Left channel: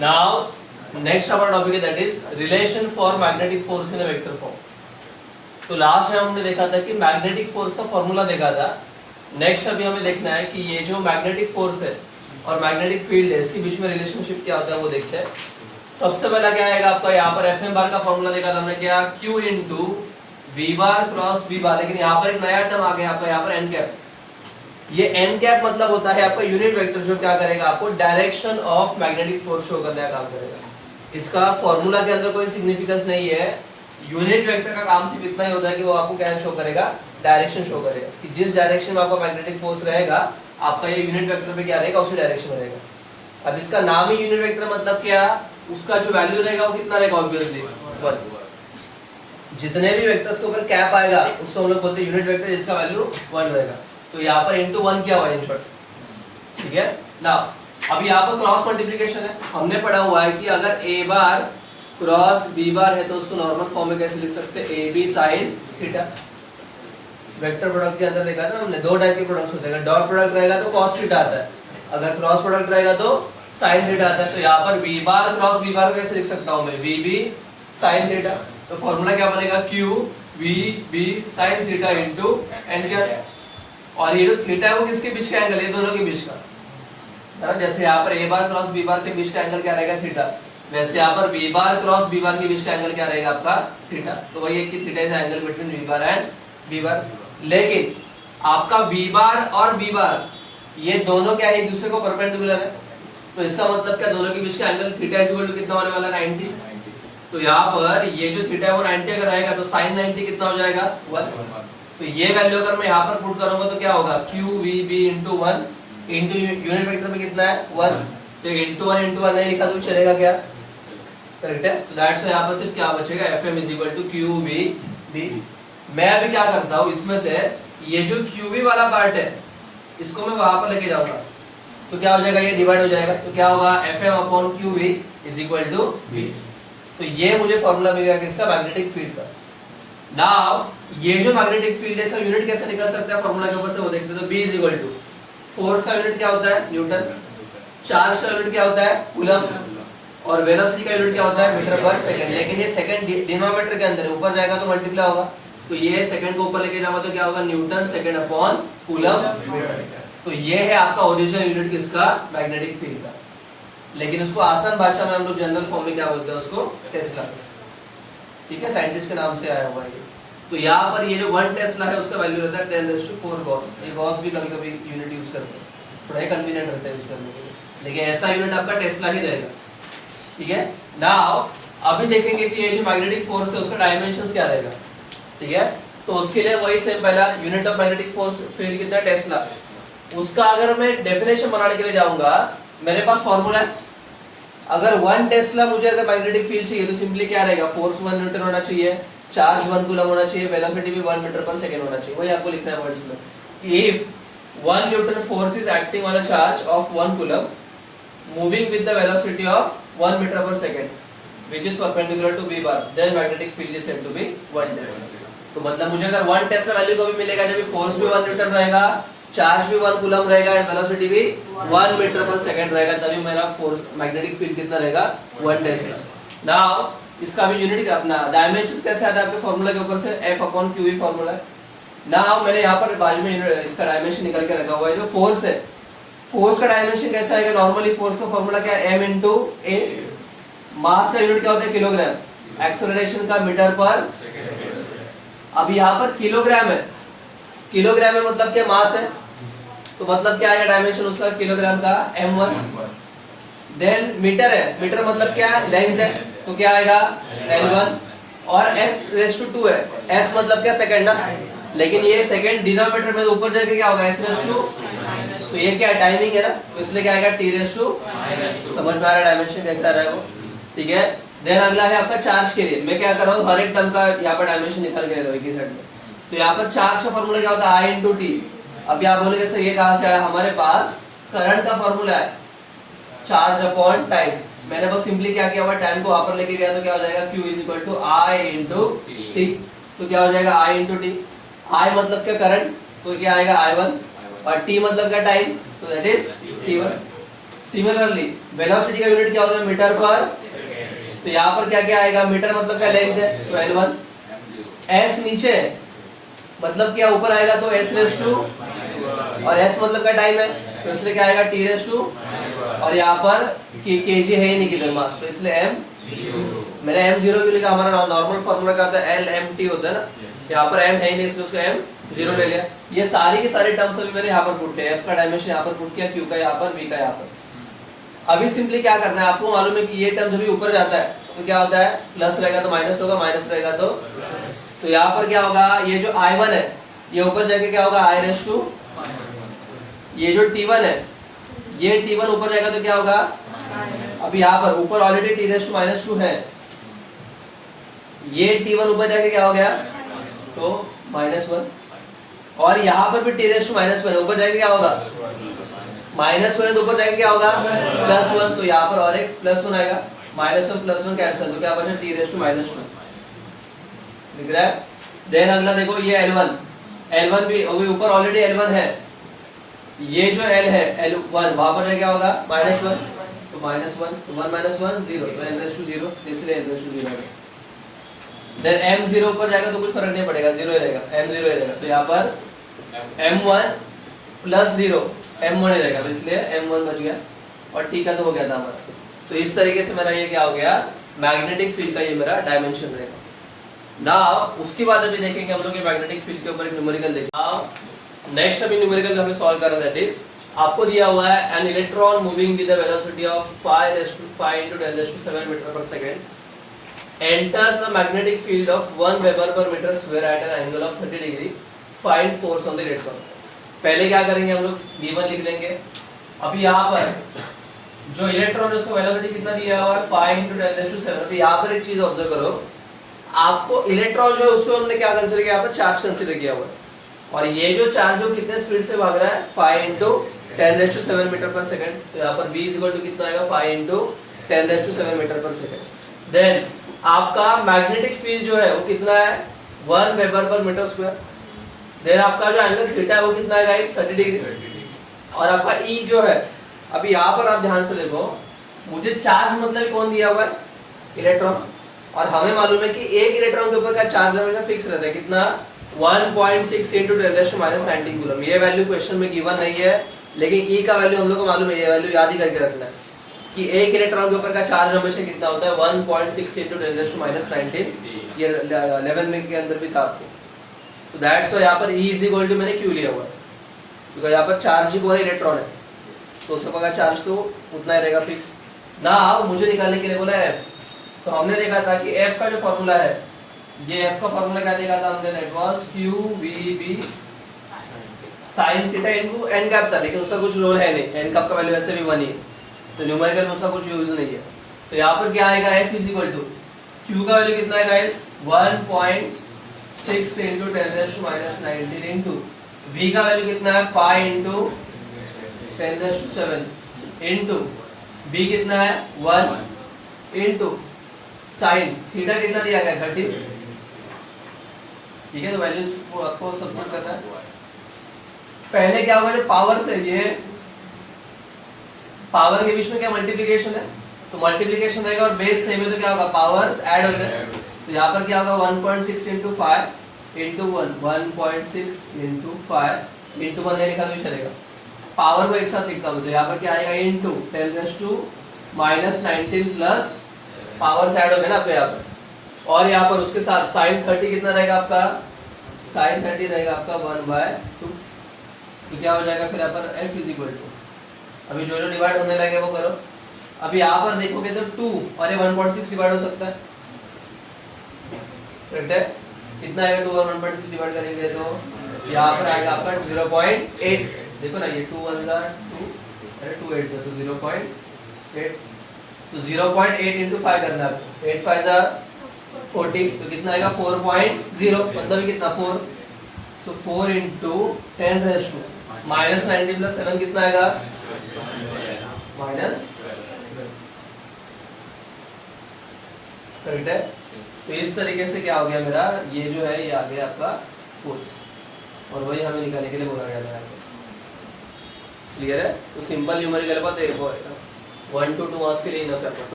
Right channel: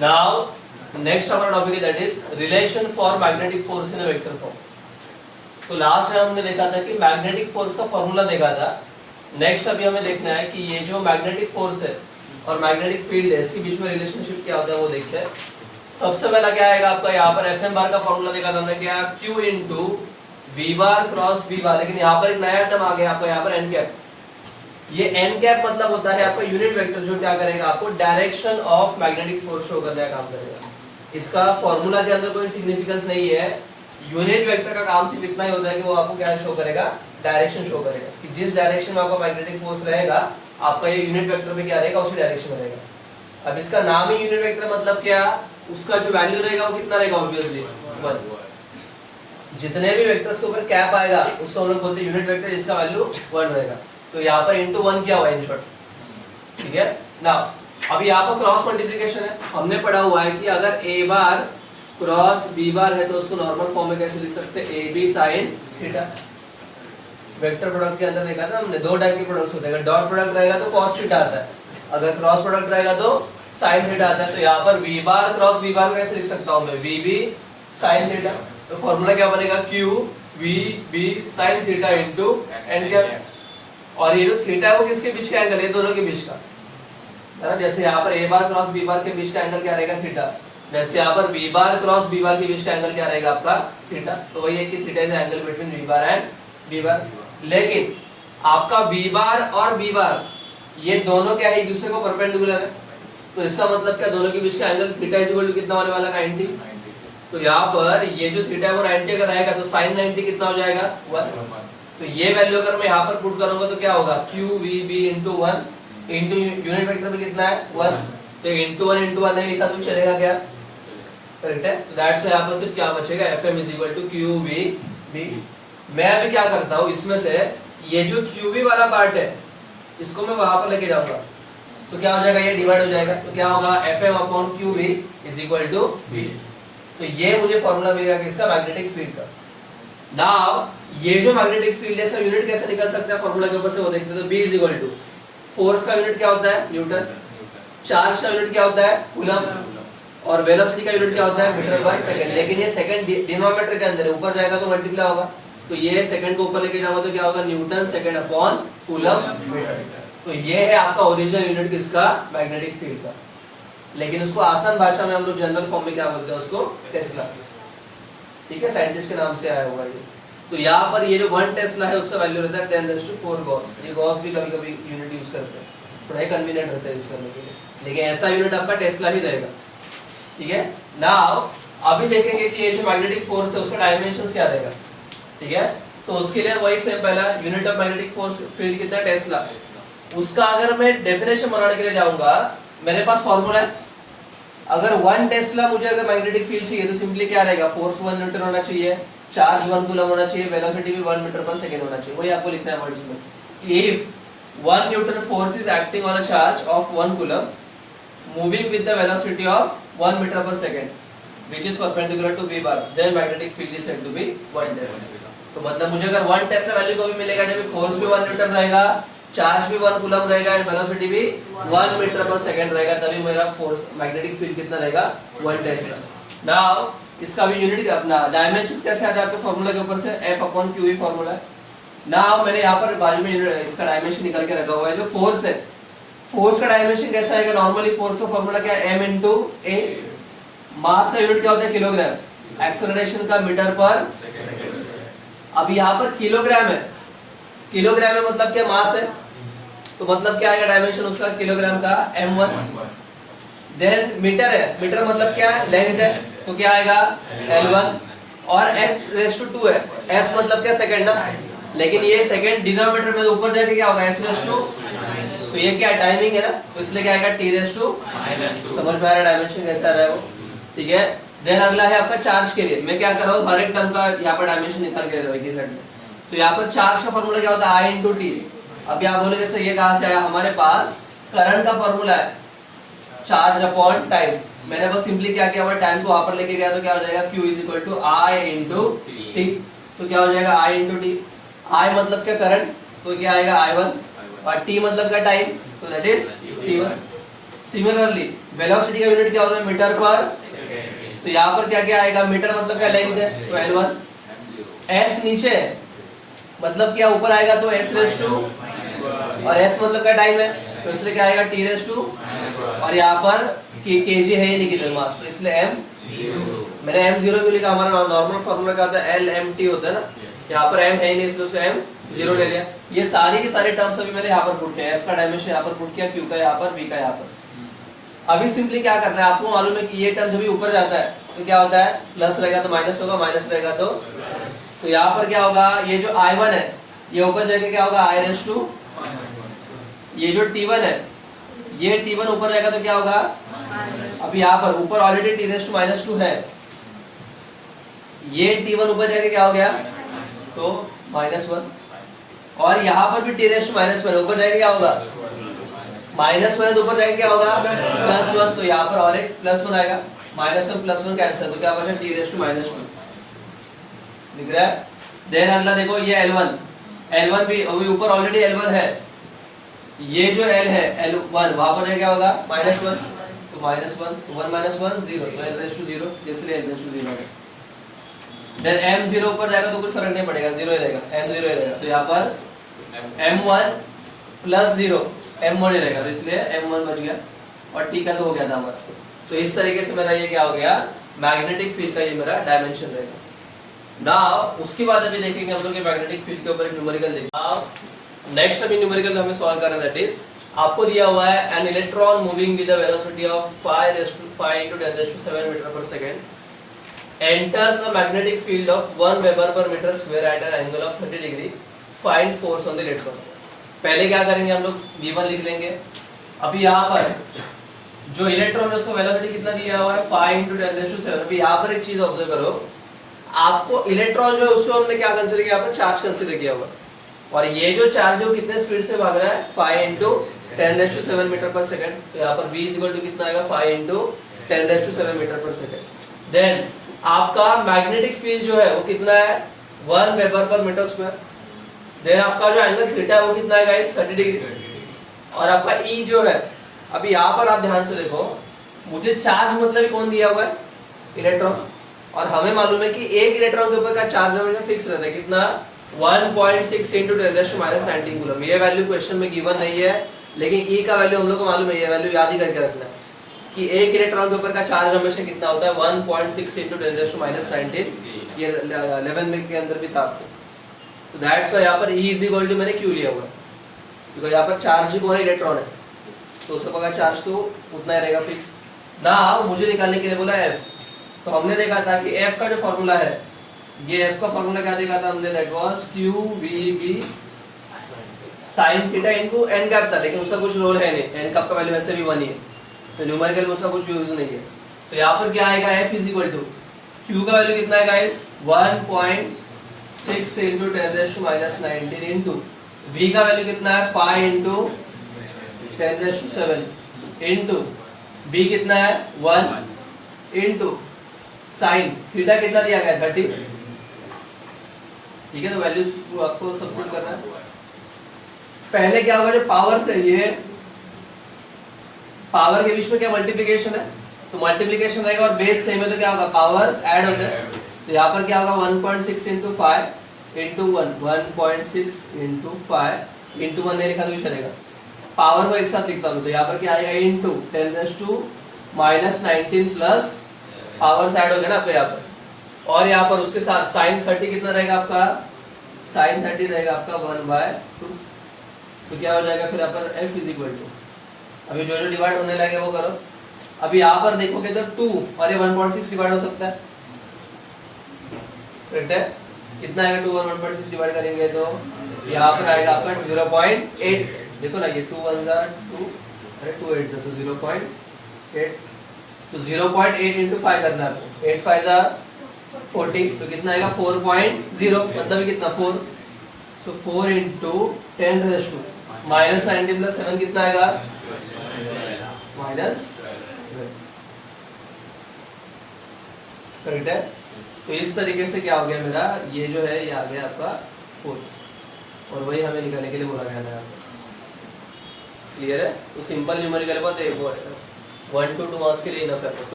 Now, next our topic is that is relation for magnetic force in a vector form. तो last में हमने देखा था कि मैग्नेटिक फोर्स का फॉर्मूला देखा था. नेक्स्ट अभी हमें देखना है कि ये जो मैग्नेटिक फोर्स है और मैग्नेटिक फील्ड है इसके बीच में रिलेशनशिप क्या होता है वो देखते हैं. सबसे पहला क्या आएगा आपका, यहाँ पर एफ एम बार का फॉर्मूला देखा था हमने, क्या Q into V bar cross V bar. लेकिन यहाँ पर एक नया टर्म आ गया आपका, यहाँ पर एन कैप. ये एन कैप मतलब होता है आपका यूनिट वेक्टर जो क्या करेगा आपको direction of magnetic force show करने का काम करेगा. इसका फॉर्मूला के अंदर कोई सिग्निफिकेंस नहीं है. यूनिट वेक्टर का काम सिर्फ इतना ही होता है कि वो आपको क्या शो करेगा, डायरेक्शन शो करेगा कि जिस डायरेक्शन में आपका मैग्नेटिक फोर्स रहेगा आपका ये यूनिट वेक्टर पे क्या रहेगा उसी डायरेक्शन में रहेगा. अब इसका नाम ही यूनिट वेक्टर मतलब क्या, उसका जो वैल्यू रहेगा वो कितना रहेगा, ऑब्वियसली 1. जितने भी वेक्टर्स के ऊपर कैप आएगा उसको हम लोग बोलते हैं यूनिट वेक्टर, इसका वैल्यू 1 रहेगा. तो यहाँ पर इनटू 1 किया हुआ है इन शॉर्ट. ठीक है ना. अभी यहाँ पर क्रॉस मल्टीप्लिकेशन है. हमने पढ़ा हुआ है कि अगर a बार क्रॉस b बार है तो उसको नॉर्मल फॉर्म में कैसे लिख सकते हैं, a b sin theta. Vector product के अंदर देखा था हमने दो टाइप के प्रोडक्ट्स होते हैं. अगर डॉट प्रोडक्ट रहेगा तो cos थीटा आता है, अगर क्रॉस प्रोडक्ट रहेगा तो sin थीटा आता है. तो यहाँ पर v बार क्रॉस b बार को कैसे लिख सकता हूँ मैं, vb sin थीटा. तो फॉर्मूला क्या बनेगा, q vb sin theta into n cap. और ये जो थीटा है वो किसके बीच का एंगल है, दोनों के बीच का. जैसे यहाँ पर a बार क्रॉस b बार के बीच का एंगल क्या रहेगा, थीटा. वैसे यहाँ पर b बार क्रॉस b बार के बीच का एंगल क्या रहेगा आपका, थीटा. तो वही है कि theta is angle between v bar and b बार. लेकिन आपका v बार और b बार ये दोनों क्या है, एक दूसरे को परपेंडिकुलर है. तो इसका मतलब क्या, दोनों के बीच का angle theta is equal to कितना होने वाला, 90. तो यहाँ पर ये जो थीटा है वो 90 अगर रहेगा तो sin 90 कितना हो जाएगा, 1. तो ये वैल्यू अगर मैं यहाँ पर पुट करूंगा तो क्या होगा, q v b into 1 into unit vector में कितना है 1. तो इंटू 1 इंटू 1 नहीं लिखा तो चलेगा क्या, करेक्ट है. तो दैट्स यहाँ पर सिर्फ क्या बचेगा, fm is equal to q v b. मैं अभी क्या करता हूँ, इसमें से ये जो q v वाला पार्ट है इसको मैं वहां पर लेके जाऊंगा तो क्या हो जाएगा, ये डिवाइड हो जाएगा. तो क्या होगा, fm upon q v is equal to v. तो ये मुझे फॉर्मूला मिलेगा किसका, मैग्नेटिक फील्ड का. नाउ ये जो मैग्नेटिक फील्ड है इसका यूनिट कैसे निकल सकता है फॉर्मूला के ऊपर से वो देखते हैं. तो b is equal to force का यूनिट क्या होता है, न्यूटन. चार्ज का यूनिट क्या होता है, कूलम. और वेलोसिटी का यूनिट क्या होता है, मीटर पर सेकंड. लेकिन ये सेकंड डिनोमिनेटर के अंदर है, ऊपर जाएगा तो मल्टीप्लाई होगा. तो ये सेकंड को ऊपर लेके जाओगे तो क्या होगा, Newton second upon coulomb metre. तो ये है आपका ओरिजिनल यूनिट किसका, मैग्नेटिक फील्ड का. लेकिन उसको आसान भाषा में हम लोग जनरल फॉर्म में क्या बोलते हैं, उसको टेस्ला. ठीक है, साइंटिस्ट के नाम से आया हुआ ये. तो यहाँ पर ये जो 1 टेस्ला है उसका वैल्यू रहता है 10⁴ गॉस. ये गॉस भी कभी कभी यूनिट यूज करते हैं, थोड़ा ही कन्वीनियंट रहता है यूज करने के लिए. लेकिन ऐसा यूनिट आपका टेस्ला ही रहेगा. ठीक है. नाउ अभी देखेंगे कि ये जो मैग्नेटिक फोर्स है उसका डायमेंशंस क्या रहेगा. ठीक है. तो उसके लिए वही सेम, पहला unit of magnetic force field कितना, टेस्ला. उसका अगर मैं डेफिनेशन बनाने के लिए जाऊंगा, मेरे पास फॉर्मूला है. अगर 1 टेस्ला मुझे अगर मैग्नेटिक फील्ड चाहिए तो सिंपली क्या रहेगा, फोर्स 1 न्यूटन होना चाहिए, चार्ज 1 कूलम होना चाहिए, वेलोसिटी भी 1 मीटर पर सेकंड होना चाहिए. वही आपको लिखना है वर्ड्स में. If 1 newton force is acting on a charge of 1 coulomb moving with the velocity of 1 metre per second which is perpendicular to b bar, then magnetic field is said to be 1 tesla. तो मतलब मुझे अगर 1 Tesla value को भी मिलेगा जब force भी 1 Newton रहेगा, चार्ज भी 1 कूलम रहेगा, वेलोसिटी भी 1 मीटर पर सेकंड रहेगा, तभी मेरा फोर्स मैग्नेटिक फील्ड कितना रहेगा, 1 टेस्ला. नाउ इसका भी यूनिट अपना डायमेंशंस कैसे आता है आपके फॉर्मूला के ऊपर से, f अपॉन q फॉर्मूला है. नाउ मैंने यहाँ पर बाजू में इसका डायमेंशन निकाल के रखा हुआ है. जो फोर्स है, फोर्स का डायमेंशन कैसा आएगा, नॉर्मली फोर्स का फॉर्मूला क्या है, m into a. मास का यूनिट क्या होता है, किलोग्राम. एक्सेलरेशन का मीटर पर. अब यहाँ पर किलोग्राम है, किलोग्राम में मतलब क्या, मास है. तो मतलब क्या आएगा डायमेंशन उसका, किलोग्राम का m1. देन मीटर है, मीटर मतलब क्या है, लेंथ है. तो क्या आएगा L1. और s⁻² है, s मतलब क्या, सेकंड ना. लेकिन ये सेकंड डिनोमिनेटर में ऊपर जाके क्या होगा, s⁻². तो ये क्या टाइमिंग है ना, तो इसलिए क्या आएगा t⁻². समझ में आ रहा डायमेंशन कैसा आ रहा है वो. ठीक है. देन अगला है आपका चार्ज के लिए. मैं क्या कर रहा हूँ, हर एक टर्म का यहाँ पर डायमेंशन निकाल के दे रहा हूँ एक ही साइड में. तो यहाँ पर चार्ज का फॉर्मूला क्या होता है, I into T. अब आप बोलोगे सर ये कहाँ से आया, हमारे पास करंट का फॉर्मूला है, चार्ज अपॉन टाइम. मैंने बस सिंपली क्या किया हुआ, टाइम को वहां पर लेके गया तो क्या हो जाएगा, q is equal to I into T. तो क्या हो जाएगा, I into T. I मतलब क्या, करंट. तो क्या आएगा I1. और T मतलब क्या, टाइम. तो that is T1. Similarly velocity का यूनिट क्या होता है, मीटर पर। तो यहाँ पर क्या क्या आएगा, मीटर मतलब क्या लेंथ है, तो L1। S नीचे मतलब क्या ऊपर आएगा, तो S रेस टू, और S मतलब क्या टाइम है, तो इसलिए क्या आएगा T रेस टू, और यहाँ पर kg है ही नहीं गिवन मास, तो इसलिए m। मैंने m0 क्यों लिखा, हमारा नॉर्मल फार्मूला क्या होता है, LMT होता है ना, यहाँ पर m है ही नहीं इसलिए उसको m0 ले लिया। ये सारी के सारे टर्म्स अभी मैंने यहाँ पर पुट किया, f का डायमेंशन यहाँ पर पुट किया, q का यहाँ पर, v का यहाँ पर। अभी सिंपली क्या करना है, आपको मालूम है कि ये टर्म जब भी ऊपर जाता है तो क्या होता है, प्लस रहेगा तो माइनस होगा, माइनस रहेगा तो यहाँ पर क्या होगा, ये जो I1 है ये ऊपर जाके क्या होगा I रेस टू, ये जो T1 है ये T1 ऊपर जाएगा तो क्या होगा, अब यहाँ पर ऊपर ऑलरेडी T रेस टू -2 है, ये T1 ऊपर जाके क्या हो गया, तो -1, और यहाँ पर भी T रेस टू -1 ऊपर जाके क्या होगा, -1 ऊपर जाके क्या होगा, +1, तो यहाँ पर और एक +1 आएगा, -1 +1 कैंसिल, तो क्या बचा T रेस टू -2, दिख रहा है। देन अगला देखो ये L1 भी अभी ऊपर ऑलरेडी L1 है, ये जो L है L1 वहां पर क्या होगा, -1, तो -1, तो 1 - 1 0, तो L रेस टू 0, इसलिए L रेस टू 0 है। देन M0 ऊपर जाएगा तो कुछ फर्क नहीं पड़ेगा, 0 ही रहेगा, M0 ही रहेगा, तो यहाँ पर M1 + 0 M1 ही रहेगा, तो इसलिए M1 बच गया, और T का तो हो गया था हमारा। तो इस तरीके से मेरा ये क्या हो गया, मैग्नेटिक फील्ड का ये मेरा डायमेंशन रहेगा। नाउ उसके बाद अभी देखेंगे हम लोग मैग्नेटिक फील्ड के ऊपर एक न्यूमेरिकल देखेंगे। नाउ नेक्स्ट अभी न्यूमेरिकल हमें सॉल्व करना है, दैट इज आपको दिया हुआ है an electron moving with the velocity of 5 × 10⁷ metre per second enters a magnetic field of 1 Weber per meter square at an angle of 30 degree. Find force on the electron. पहले क्या करेंगे हम लोग, V1 लिख लेंगे। अभी यहाँ पर जो इलेक्ट्रॉन है उसका वेलोसिटी कितना दिया हुआ है, 5 × 10⁷। अभी यहाँ पर एक चीज ऑब्जर्व करो, आपको इलेक्ट्रॉन जो है उसको हमने क्या कंसीडर किया, यहाँ पर चार्ज कंसीडर किया हुआ है, और ये जो चार्ज है कितने स्पीड से भाग रहा है, 5 × 10⁷ मीटर पर सेकंड, तो यहाँ पर V कितना आएगा, 5 × 10⁷ मीटर पर सेकंड। देन आपका मैग्नेटिक फील्ड जो है वो कितना है, 1 वेबर पर मीटर स्क्वायर। देन आपका जो एंगल थीटा है वो कितना है गाइस, 30 डिग्री, और आपका E जो है, अभी यहाँ पर आप ध्यान से देखो, मुझे चार्ज मतलब कौन दिया हुआ है, इलेक्ट्रॉन, और हमें मालूम है कि एक इलेक्ट्रॉन के ऊपर का चार्ज हमेशा फिक्स रहता है, कितना, 1.6 × 10⁻19 कूलम। ये वैल्यू क्वेश्चन में गिवन नहीं है, लेकिन E का वैल्यू हम लोग को मालूम है, ये वैल्यू याद ही करके रखना है कि एक इलेक्ट्रॉन के ऊपर का चार्ज हमेशा कितना होता है, 1.6 × 10⁻19। ये 11 में के अंदर भी था आपको, तो दैट्स व्हाई यहाँ पर E = मैंने क्यों लिया हुआ है, बिकॉज़ यहाँ पर चार्ज ही कौन है, इलेक्ट्रॉन है, तो उसका का चार्ज तो उतना ही रहेगा फिक्स ना। मुझे निकालने के लिए बोला F, तो हमने देखा था कि F का जो फॉर्मूला है, ये F का फॉर्मूला क्या देखा था हमने, that was QVB sin theta into n cap था, लेकिन उसका कुछ रोल है नहीं, n कैप का वैल्यू वैसे भी 1 ही है, तो न्यूमेरिकल में उसका कुछ यूज नहीं है। तो यहाँ पर क्या आएगा, F = Q का वैल्यू कितना है गाइस, 1.6 × 10⁻19 इनटू V का वैल्यू कितना है, 5 × 10⁷ इनटू B कितना है, 1 इनटू sin थीटा कितना दिया गया, 30। ठीक है, तो वैल्यू आपको सबमिट करना है। पहले क्या होगा, जो पावर से ये पावर के बीच में क्या मल्टीप्लिकेशन है, तो मल्टीप्लिकेशन रहेगा, और बेस सेम है तो क्या होगा, पावर्स ऐड हो जाए, तो यहाँ पर क्या होगा, 1.6 × 5 इनटू 1, 1.6 × 5 इनटू 1 नहीं लिखा तो भी चलेगा, पावर को एक साथ लिखता हूँ, तो यहाँ पर क्या आएगा, इनटू 10⁻19 प्लस पावर्स ऐड हो गया ना आपके यहाँ पर, और यहाँ पर उसके साथ sin 30 कितना रहेगा आपका, sin 30 रहेगा आपका 1/2, तो क्या हो जाएगा फिर यहाँ पर F = अभी जो डिवाइड होने लगे वो करो। अभी यहाँ पर देखोगे तो 2 और ये 1.6 डिवाइड हो सकता है, करेक्ट है, कितना आएगा, 2 और 1.6 डिवाइड करेंगे तो यहाँ पर आएगा आपका 0.8, देखो ना ये 2 1 2, अरे 2 8 तो 0.8, तो 0.8 × 5 करना है, 8 5 40, तो कितना आएगा, 4.0, मतलब कितना 4, सो 4 × 10⁻⁻19 + 7 कितना आएगा, -, करेक्ट है। तो इस तरीके से क्या हो गया मेरा, ये जो है ये आ गया आपका फोर्स, और वही हमें निकालने के लिए बोला गया था। क्लियर है, तो सिंपल न्यूमेरिकल बात है। 1 to 2 मार्क्स के लिए इनफ है।